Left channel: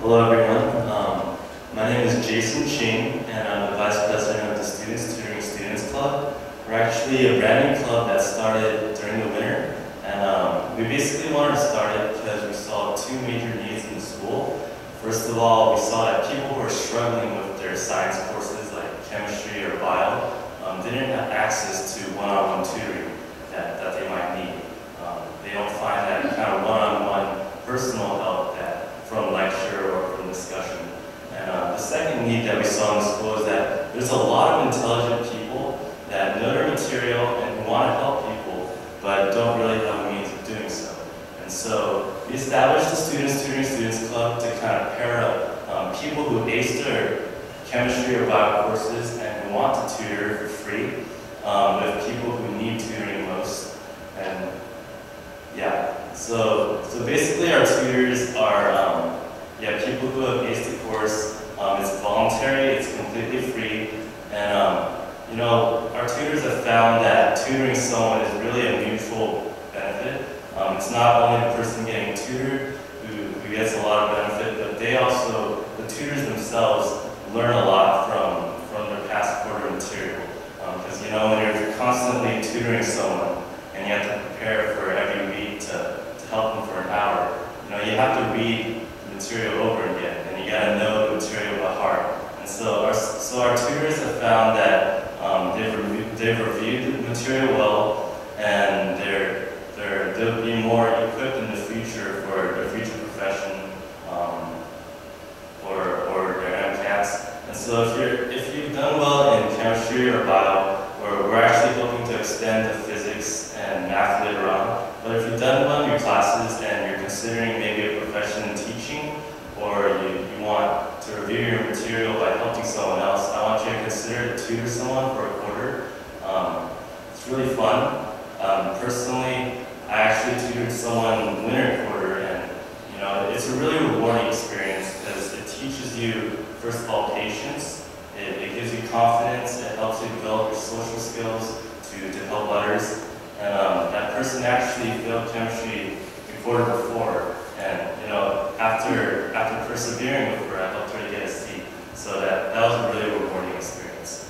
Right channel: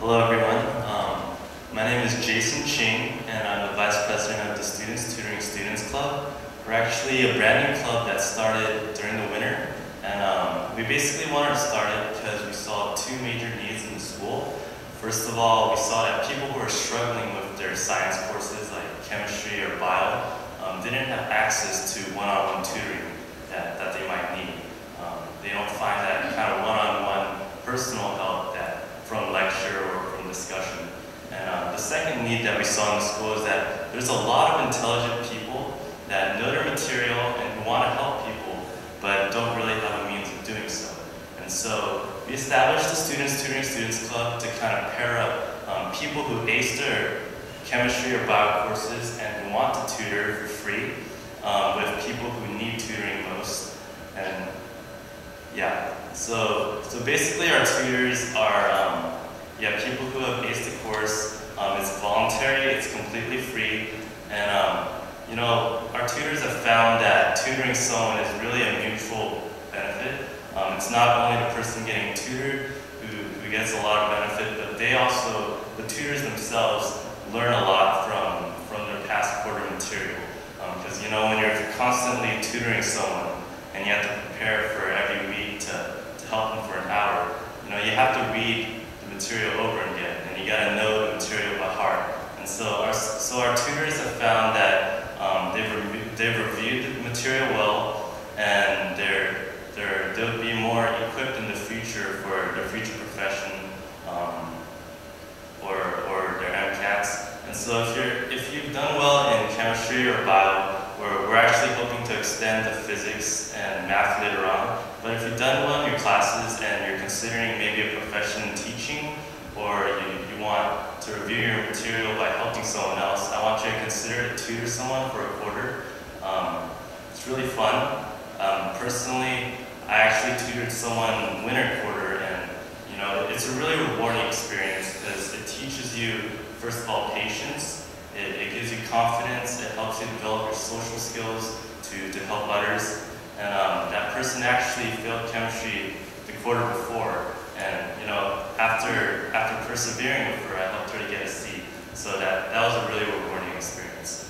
Hello everyone, my name is Jason Ching and I'm the Vice President of the Students Tutoring Students Club. We're actually a brand new club that started during the winter, and we basically wanted to start it because we saw two major needs in the school. First of all, we saw that people who are struggling with their science courses like chemistry or bio didn't have access to one-on-one tutoring that they might need. They don't find that kind of one-on-one personal help from lecture or from discussion. And the second need that we saw in the school is that there's a lot of intelligent people that know their material and want to help people, but don't really have a means of doing so. And so we established the Students Tutoring Students Club to kind of pair up people who ace their chemistry or bio courses and who want to tutor for free with people who need tutoring most. And yeah, so basically our tutors are people who have aced the course. It's voluntary, it's completely free, and our tutors have found that tutoring someone is really a mutual benefit. It's not only the person getting tutored who gets a lot of benefit, but the tutors themselves learn a lot from their past quarter material. Because when you're constantly tutoring someone and you have to prepare for every week to help them for an hour, you have to read the material over again, and you got to know the material by heart. And so our tutors have found that they've reviewed the material well, and they'll be more equipped in the future for their future profession or their MCATs. And so if you've done well in chemistry or bio, we're actually hoping to extend to physics and math later on. But if you've done well in your classes and you're considering maybe a profession in teaching, or you want to review your material by helping someone else, I want you to consider to tutor someone for a quarter. It's really fun. Personally, I actually tutored someone winter quarter, and it's a really rewarding experience because it teaches you, first of all, patience. It gives you confidence. It helps you develop your social skills to help others. And that person actually failed chemistry the quarter before, and after persevering with her, I helped her to get a C. So that was a really rewarding experience.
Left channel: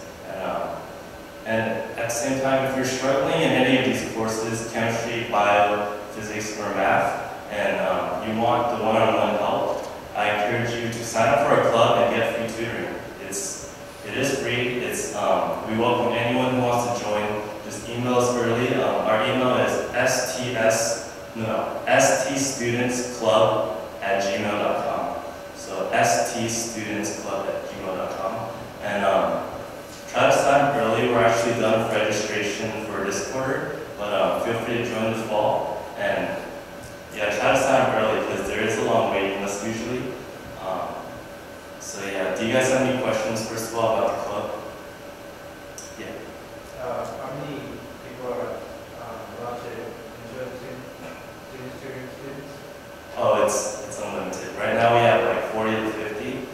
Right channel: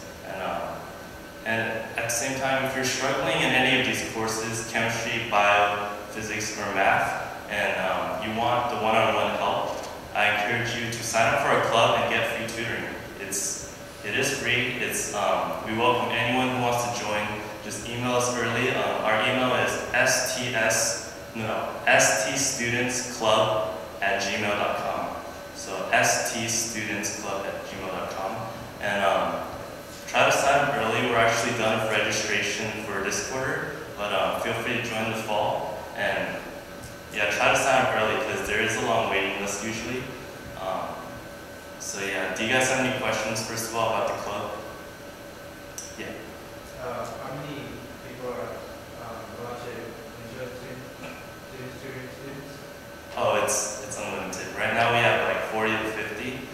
And at the same time, if you're struggling in any of these courses, chemistry, bio, physics, or math, and you want the one-on-one help, I encourage you to sign up for a club and get free tutoring. It is free. We welcome anyone who wants to join. Just email us early. Our email is ststudentsclub@gmail.com. So ststudentsclub@gmail.com. And try to sign up early. We're actually done with registration for this quarter, but feel free to join this fall. And yeah, try to sign up early because there is a long waiting list usually. So yeah, do you guys have any questions first of all about the club? Yeah. How many people are interested in students? Oh, it's unlimited. Right now we have like 40 to 50.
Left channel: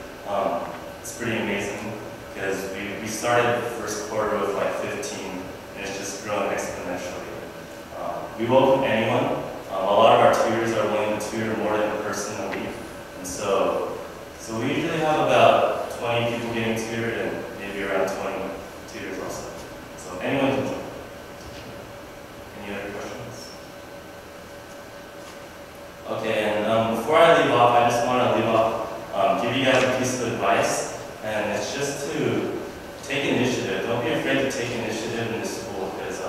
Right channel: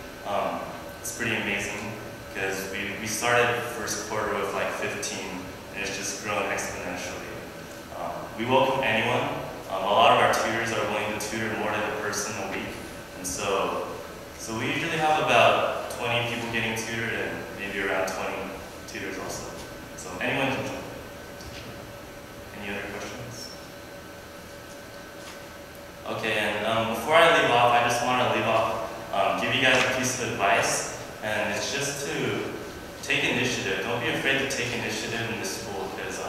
It's pretty amazing because we started the first quarter with like 15, and it's just growing exponentially. We welcome anyone. A lot of our tutors are willing to tutor more than a person a week, and so we usually have about 20 people getting tutored and maybe around 20 tutors also. So anyone can join. Any other questions? Okay, and before I leave off, I just want to give you guys a piece of advice, and it's just to take initiative. Don't be afraid to take initiative in this school, because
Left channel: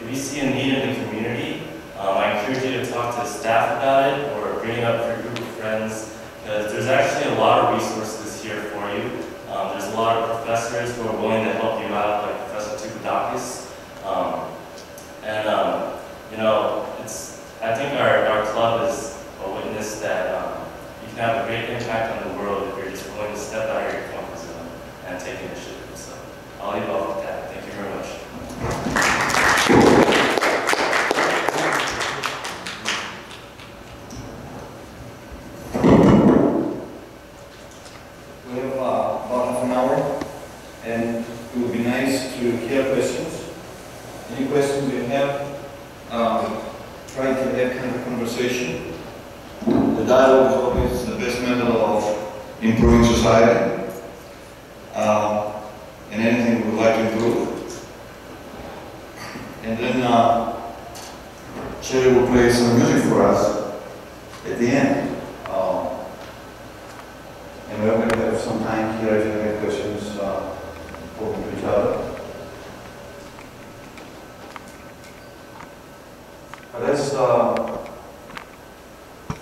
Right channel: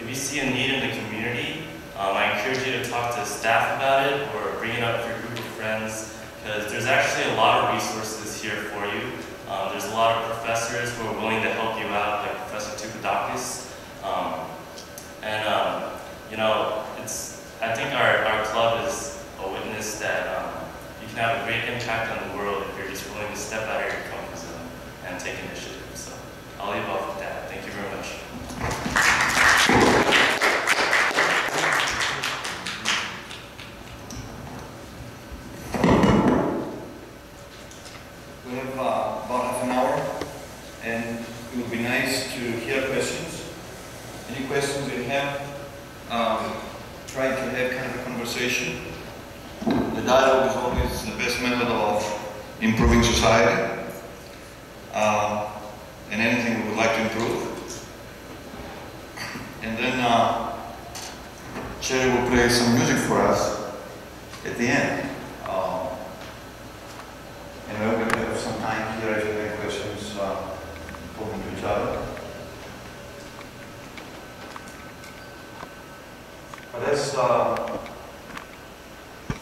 if you see a need in the community, I encourage you to talk to staff about it or bring it up to your group of friends, because there's actually a lot of resources here for you. There's a lot of professors who are willing to help you out, like Professor TOUPADAKis. I think our club is a witness that you can have a great impact on the world if you're just willing to step out of your comfort zone and take initiative. So I'll leave off with that. Thank you very much. We have about half an hour, and it would be nice to hear questions. Any questions you have, try to have kind of a conversation. The dialogue is always the best method of improving society, and anything we would like to improve. And then Sherry will play some music for us at the end. And we're going to have some time here if you have questions, talking to each other. But as the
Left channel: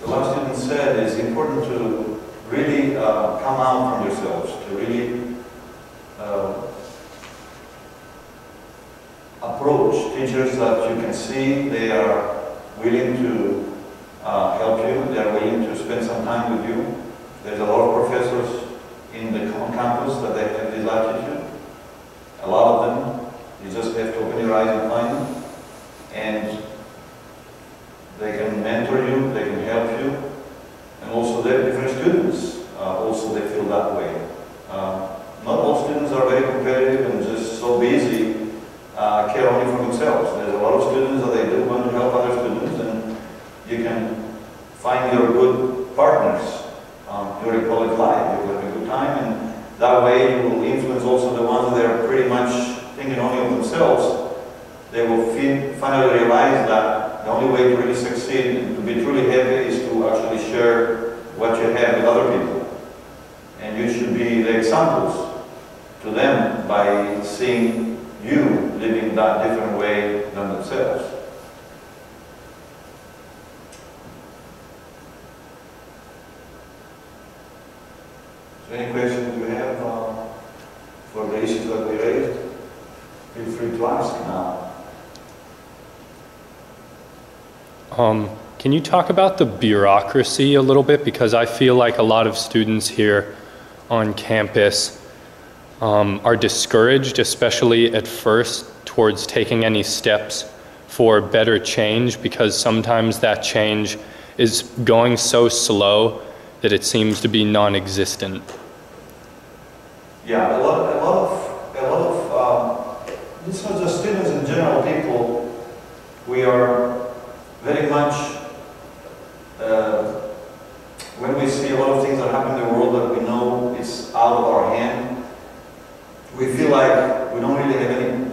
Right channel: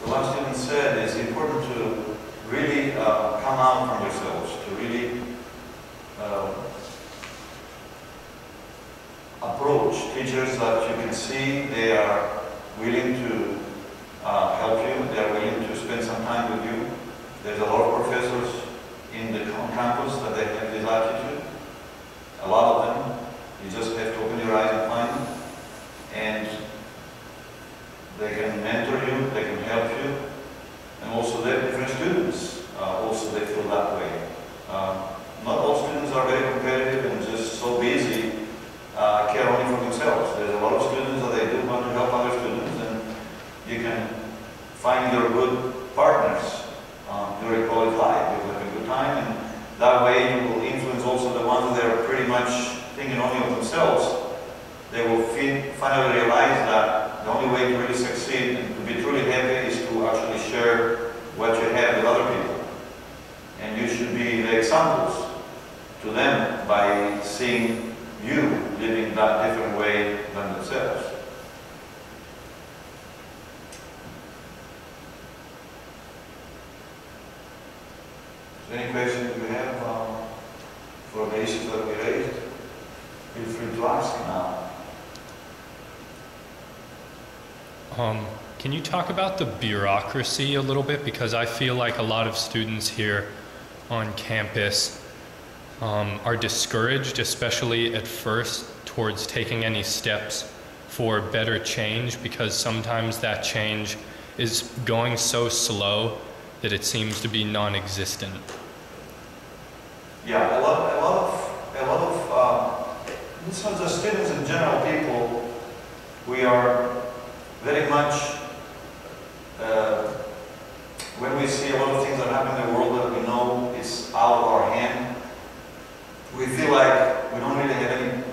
last student said, it's important to really come out from yourselves, to really approach teachers that you can see they are willing to help you, they are willing to spend some time with you. There's a lot of professors in the campus that they have this attitude. A lot of them, you just have to open your eyes and find them. And they can mentor you, they can help you. And also they're different students, also they feel that way. Not all students are very competitive and just so busy, care only for themselves. There's a lot of students that they do want to help other students, and you can find your good partners during college life. You will have a good time, and that way you will influence also the ones that are pretty much thinking only of themselves. They will finally realize that the only way to really succeed and to be truly happy is to actually share what you have with other people. And you should be the examples to them by seeing you living that different way than themselves. So any questions you have for the issues that we raised, feel free to ask now. Can you talk about the bureaucracy a little bit? Because I feel like a lot of students here on campus are discouraged, especially at first, towards taking any steps for better change, because sometimes that change is going so slow that it seems to be non-existent. Yeah, a lot of it's not just students in general, people, we are very much, when we see a lot of things that happen in the world that we know is out of our hand, we feel like we don't really have any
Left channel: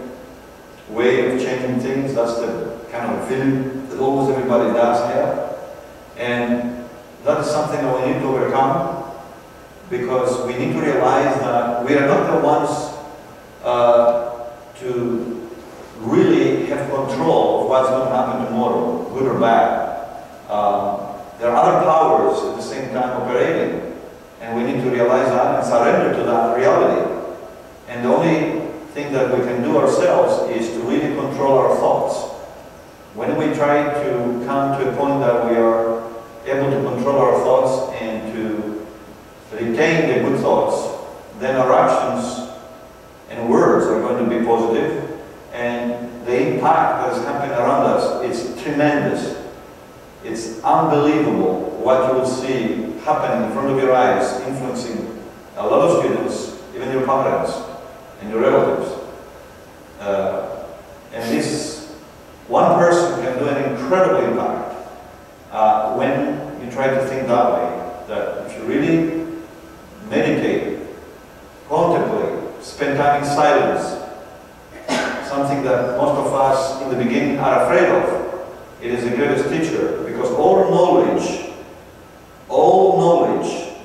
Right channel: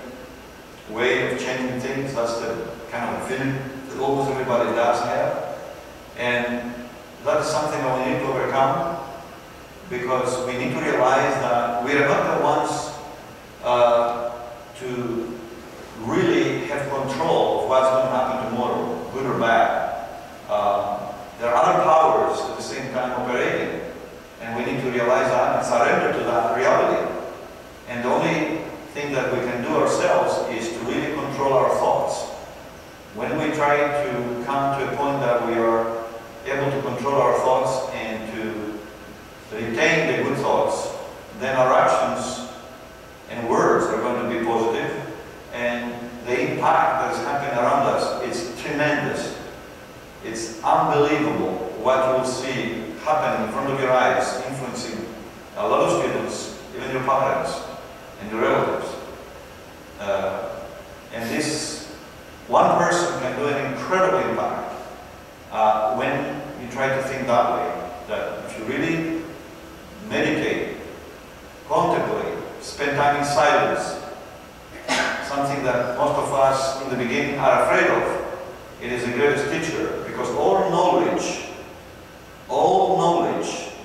way of changing things. That's the kind of feeling that almost everybody does have. And that is something that we need to overcome, because we need to realize that we are not the ones to really have control of what's going to happen tomorrow, good or bad. There are other powers at the same time operating, and we need to realize that and surrender to that reality. And the only thing that we can do ourselves is to really control our thoughts. When we try to come to a point that we are able to control our thoughts and to retain the good thoughts, then our actions and words are going to be positive, and the impact that is happening around us is tremendous. It's unbelievable what you will see happening in front of your eyes, influencing a lot of students, even your parents and your relatives. And this one person can do an incredible impact when you try to think that way. That if you really meditate, contemplate, spend time in silence, something that most of us in the beginning are afraid of, it is the greatest teacher, because all knowledge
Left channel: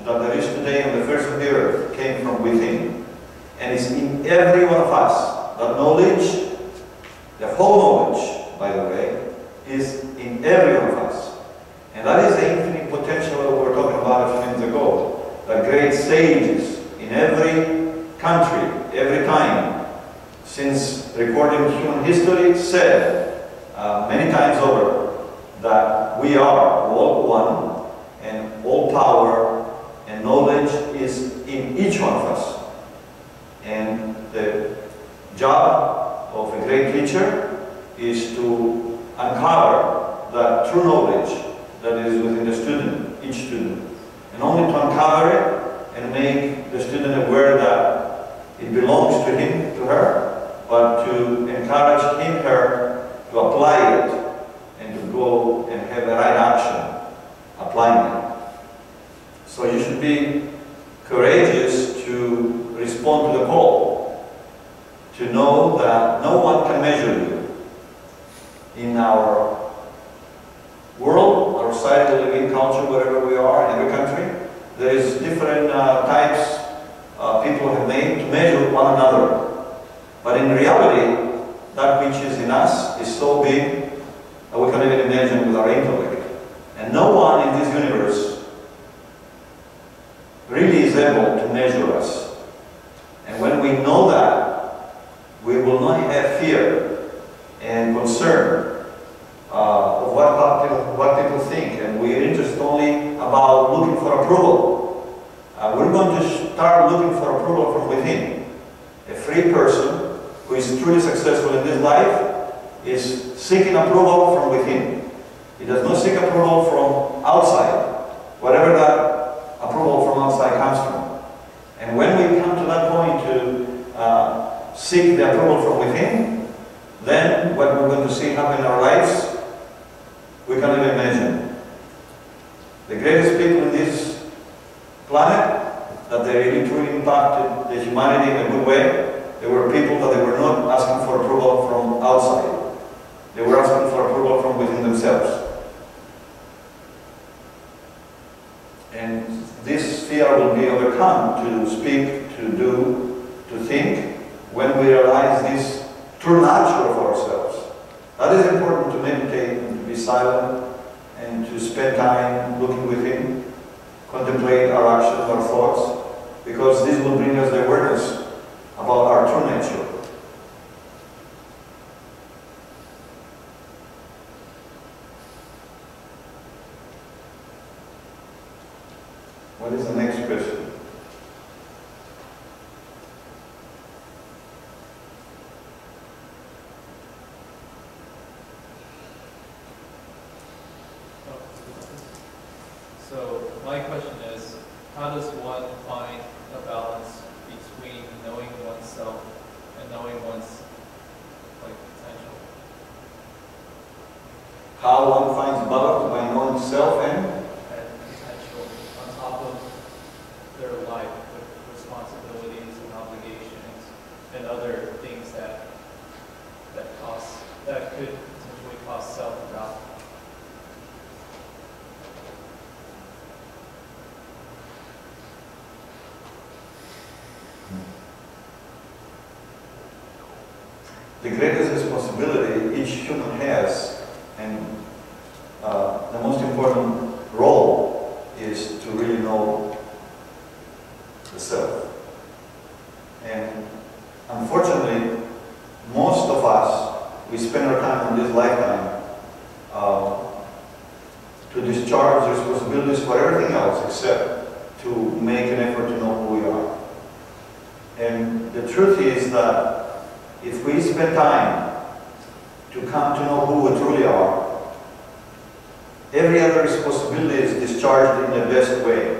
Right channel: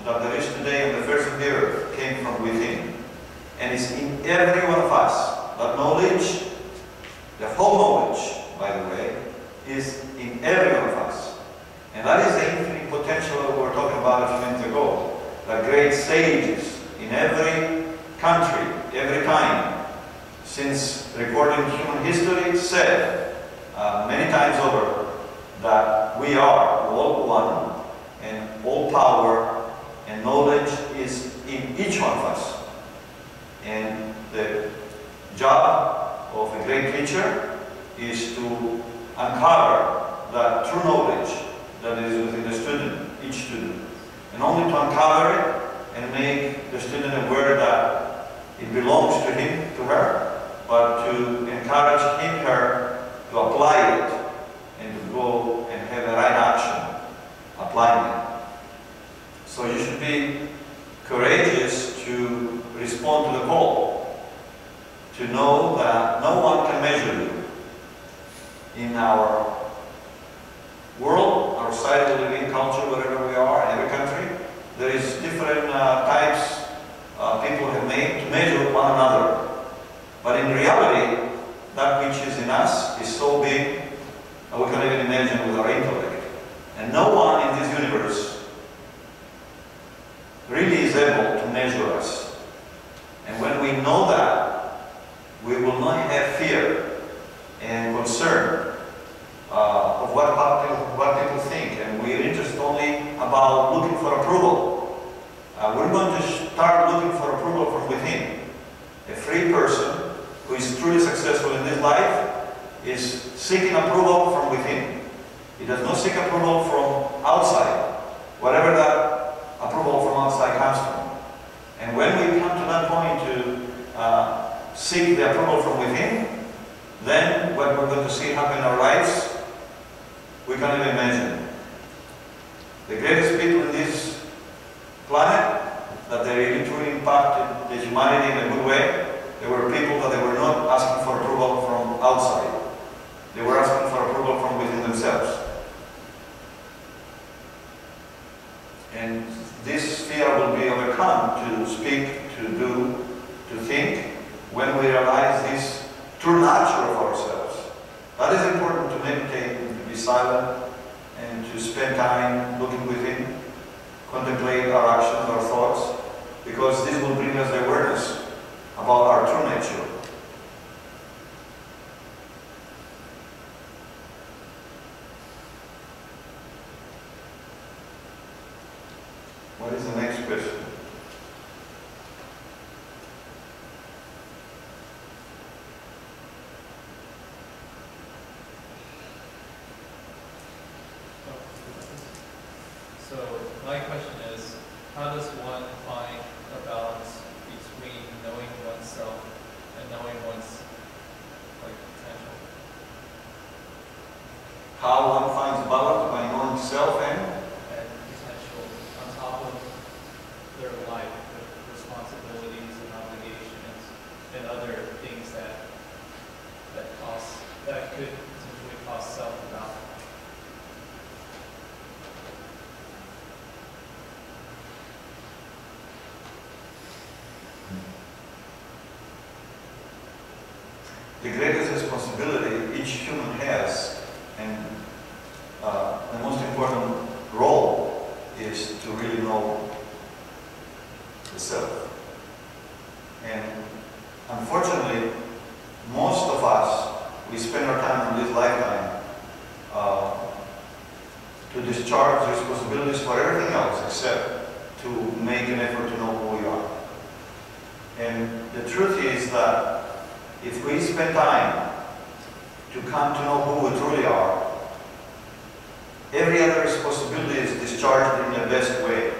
that there is today on the face of the earth came from within. And it's in every one of us. That knowledge, the whole knowledge, by the way, is in every one of us. And that is the infinite potential that we were talking about a few minutes ago. The great sages in every country, every time, since recording human history, said many times over that we are all one, and all power and knowledge is in each one of us. And the job of a great teacher is to uncover that true knowledge that is within the student, each student. And only to uncover it and make the student aware that it belongs to him, to her, but to encourage him, her, to apply it and to go and have the right action applying it. So you should be courageous to respond to the call, to know that no one can measure you. In our world, our society, living culture, wherever we are, in every country, there is different types people have made to measure one another. But in reality, that which is in us is so big that we can't even imagine with our intellect. And no one in this universe really is able to measure us. And when we know that, we will not have fear and concern of what people think, and we're interested only about looking for approval. We're going to start looking for approval from within. A free person who is truly successful in this life is seeking approval from within. He does not seek approval from outside, whatever that approval from outside comes from. And when we come to that point to seek the approval from within, then what we're going to see happen in our lives, we can't even imagine. The greatest people in this planet, that they really truly impacted the humanity in a good way, they were people that they were not asking for approval from outside. They were asking for approval from within themselves. And this fear will be overcome to speak, to do, to think, when we realize this true nature of ourselves. That is important, to meditate and to be silent and to spend time looking within, contemplate our actions, our thoughts, because this will bring us the awareness about our true nature. What is the next question? So my question is, how does one find a balance between knowing oneself and knowing one's potential? How one finds balance by knowing self and Potential on top of their life with responsibilities and obligations and other things that could potentially cause self-doubt. the greatest responsibility each human has, and the most important role is to really know the self. And unfortunately, most of us, we spend our time in this lifetime to discharge responsibilities for everything else except to make an effort to know who we are. And the truth is that if we spend time to come to know who we truly are, every other responsibility is discharged in the best way.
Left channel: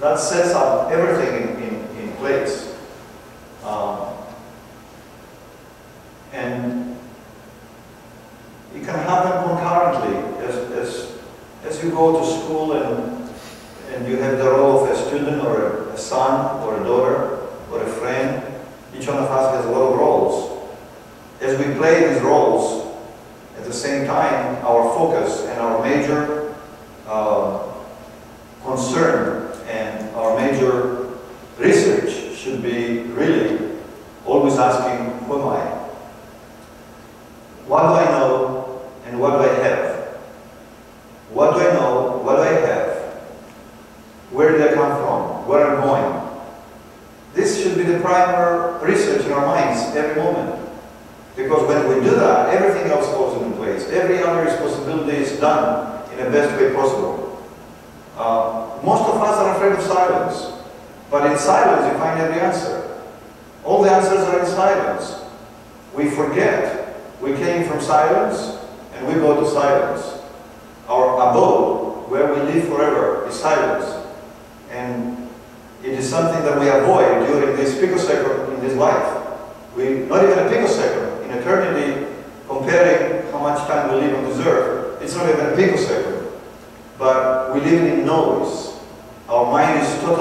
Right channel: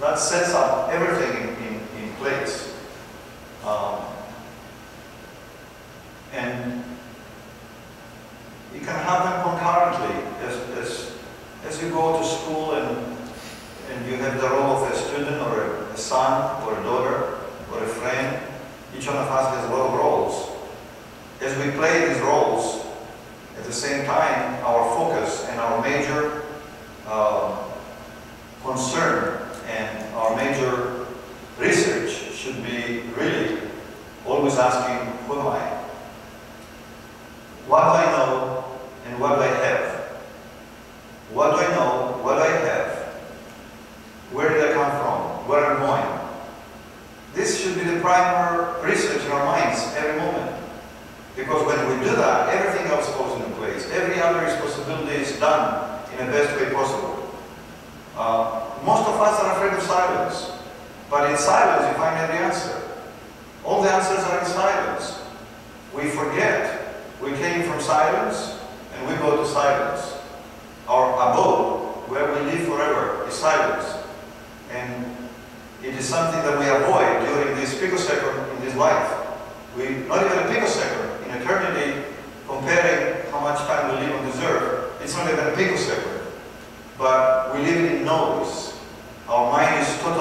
That sets up everything in place. And it can happen concurrently as you go to school and you have the role of a student or a son or a daughter or a friend. Each one of us has a lot of roles. As we play these roles, at the same time, our focus and our major concern and our major research should be really always asking, who am I? What do I know and what do I have? What do I know? What do I have? Where did I come from? Where am I going? This should be the primary research in our minds every moment. Because when we do that, everything else falls into place. Every other responsibility is done in the best way possible. Most of us are afraid of silence. But in silence, you find every answer. All the answers are in silence. We forget we came from silence and we go to silence. Our abode, where we live forever, is silence. And it is something that we avoid during this picosecond in this life. Not even a picosecond. In eternity, comparing how much time we live on this earth, it's not even a picosecond. But we live in noise. Our mind is totally